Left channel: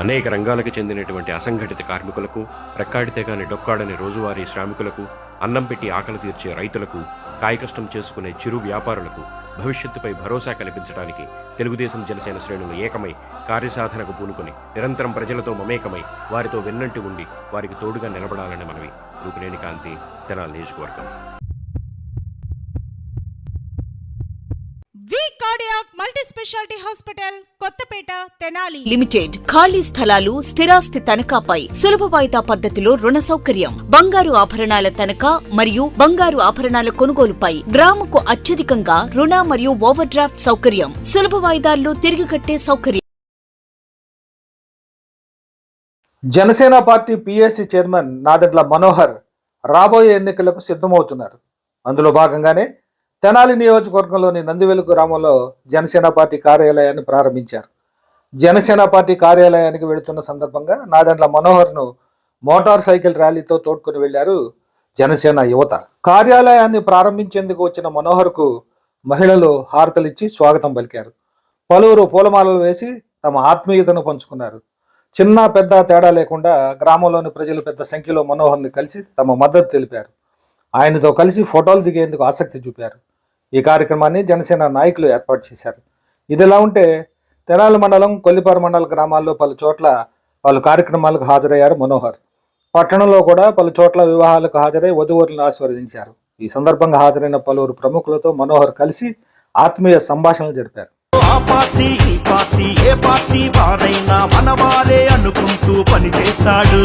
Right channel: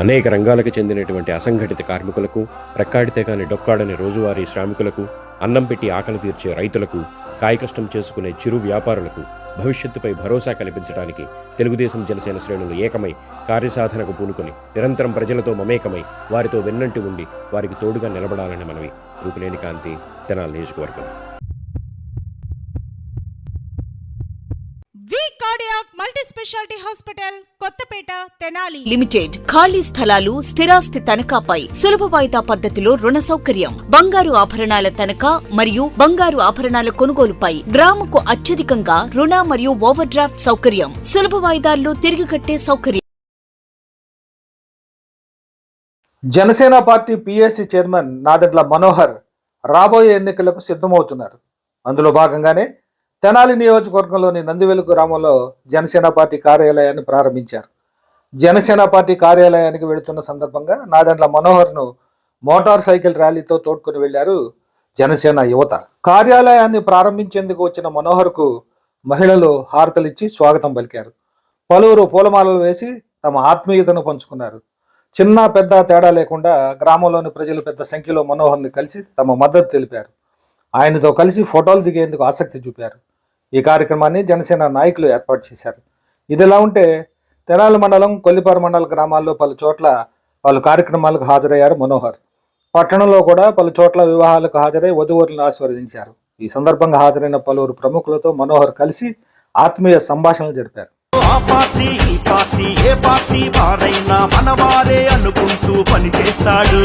అనేక రంగాలకు చెందినటువంటి అసంఘటిత కార్మికులకు రెక్కాడితే కాని డొక్కాడని రోజువారీ శ్రామికులకు అన్నం పెట్టి ఆకలి తీర్చే రైతులకు కాయకష్టం చేసుకునే చిరు వ్యాపారులకు భవిష్యత్తుపై భరోసా కల్పించడానికి తెలుగుదేశం జనసేన శ్రేణులు ఏకమై కార్యసాధనకు పూనుకొని నిరంతరం ప్రజలతో మమేకమై వారితో వెన్నంటి ఉండి వారికి తోడుగా నిలబడాలని మనవి. రూపినేని కాంతి తెనాలి నియోజకవర్గం. Cardiac multi speciality hospital Kothapeta Tenali. Limited ఖాళీ స్థలాలు స్థిరాస్తి తనఖాపై సులభ వాయిదా పద్ధతిలో రుణ సౌకర్యం. బంగారు ఆభరణాల తనఖా మరియు బంగారు ఆభరణాల కొనుగోలుపై గ్రాముకు అత్యధికంగా రుణ మరియు ఓవర్ డ్రాఫ్ట్ సౌకర్యం. సులభ వాయిదాల్లో తిరిగి కట్టే సౌకర్యం. Janasena party PSC chairman Nadendla Manohar రాబోయే ఎన్నికలకు సిద్ధమవుతున్నారు. అందులో భాగంగానే తెనాలి నియోజకవర్గంలోని నందివెలుగు గ్రామంలో జనసేన పార్టీ కార్యాలయాన్ని ప్రారంభించారు. జనసేన పార్టీ కార్యాలయానికి వెళుతున్న సందర్భంగా నాదెండ్ల మనోహర్ను మోటార్ సైకిల్ ర్యాలీతో తోడ్కొని వెళ్ళారు జనసేన యువత. కార్యాలయాన్ని ప్రారంభించేందుకు వచ్చిన మనోహర్కు మహిళలు హారతలిచ్చి స్వాగతం పలికారు. పలువురు పూలమాలలు వేసి తమ ఆత్మీయతను పంచుకున్నారు. చిన్న పెద్ద తేడా లేకుండా గ్రామంలోని ప్రజలు పెద్ద సంఖ్యలో మనోహర్ని కలిసి తమ మద్దతు తెలిపారు. ఆయనతో కలిసి ఫోటోలు దిగేందుకు ఆసక్తి చూపారు. ఈ కార్యక్రమాన్ని జనసేన నాయకులు ఏర్పాటు చేశారు. ఇదిలా ఉంటే తెనాలి మండలం కొల్లిపారు మండల గ్రామాల్లో పలు చోట్ల పలు కార్యక్రమాలకు హాజరయ్యారు మనోహర్. పట్టణంలో కూడా పలు చోట్ల వివాహాలకు హాజరై వధువరులను ఆశీర్వదించారు. ఈ సందర్భంగా హాజరైన పలువురు ప్రముఖులతో మనోహర్ కలిసి ఆత్మీయ సంభాషణలు జరిపారు. ఆ పార్టీ ఈ పార్టీ ఏ పార్టీ వారైనా మనవారే అనుకుంటూ పనిచేస్తాడు.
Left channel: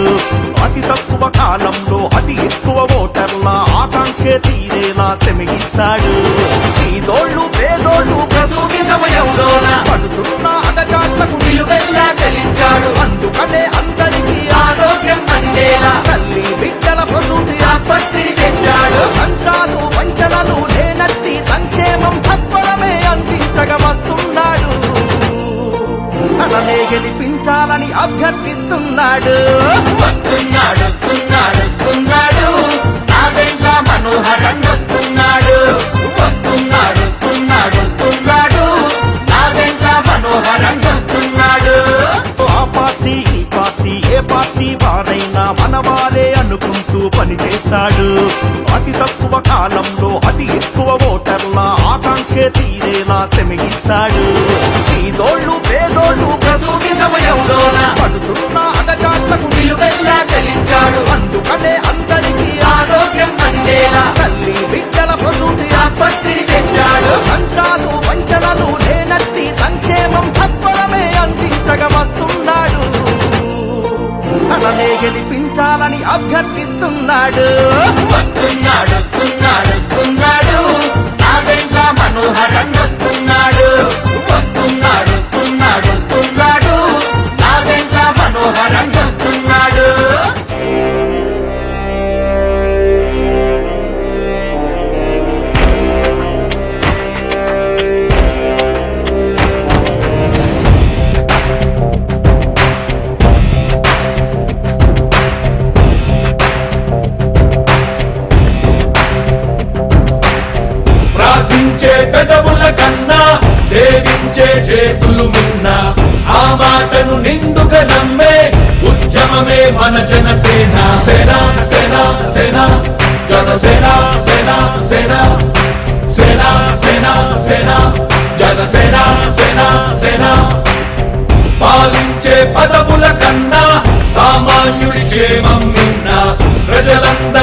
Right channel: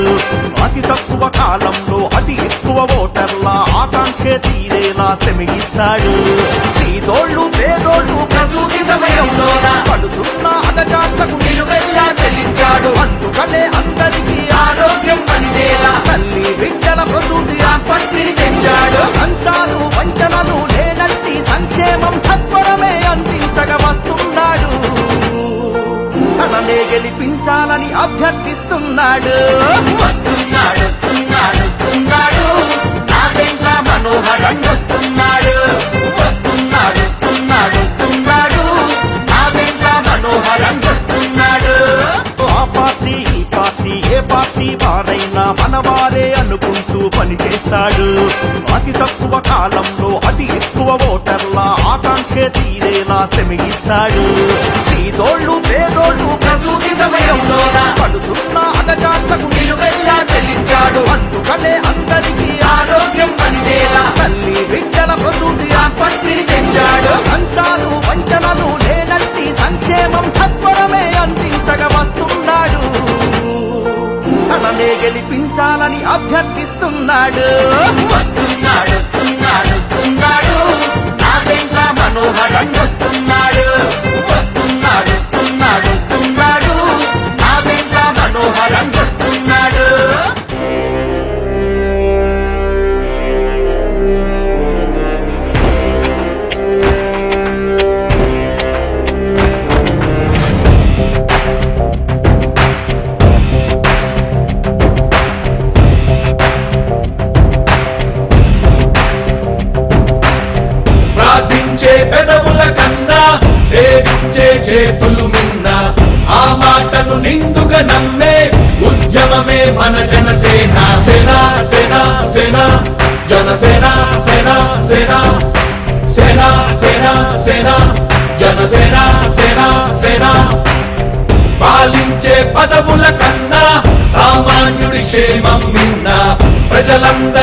అతి తక్కువ కాలంలో అతి ఎక్కువ ఓటర్ల ఆకాంక్ష తీరేలా శ్రమిస్తాడు పేదోళ్ళు పేదోళ్ళు ప్రసూతి సమయంలోన? పడుతున్న అగజాట్లకు నిలువెల్లా చెల్లించాడు. అందుకనే అందరికీ ఆరోగ్యం అందేలా. తల్లి బిడ్డల ప్రసూతి ఆసుపత్రిని తెచ్చాడు. అంతాలు గెలిపించాలని అభ్యర్థిస్తున్నాడు. పార్టీ ఈ పార్టీ ఏ పార్టీ వారైనా మనవారే అనుకుంటూ పనిచేస్తాడు అతి తక్కువ కాలంలో అతి ఎక్కువ ఓటర్ల ఆకాంక్ష తీరేలా శ్రమిస్తాడు. పేదోళ్ళు పేదోళ్ళు ప్రసూతి సమయంలోన? పడుతున్న అగజాట్లకు నిలువెల్లా చెల్లించాడు. అందుకనే అందరికీ ఆరోగ్యం అందేలా. తల్లి బిడ్డల ప్రసూతి ఆసుపత్రిని తెచ్చాడు. సంతాలు వంచనలు లేనట్టి సంక్షేమం సత్వరమే అందించగ వస్తుంది తననే గెలిపించాలని అభ్యర్థిస్తున్నాడు. వస్తున్నాడు వస్తున్నాడు వస్తున్నాడు. నాదెంట్ల మనోహరం వస్తున్నాడు. వస్తున్నాడు వస్తున్నాడు వస్తున్నాడు. నాదెంట్ల మనోహరం వస్తున్నాడు. సేన సేన సేన. పాలించే పదవుల కన్నా సామాన్యుడి క్షేమం నిన్న ప్రజలందరి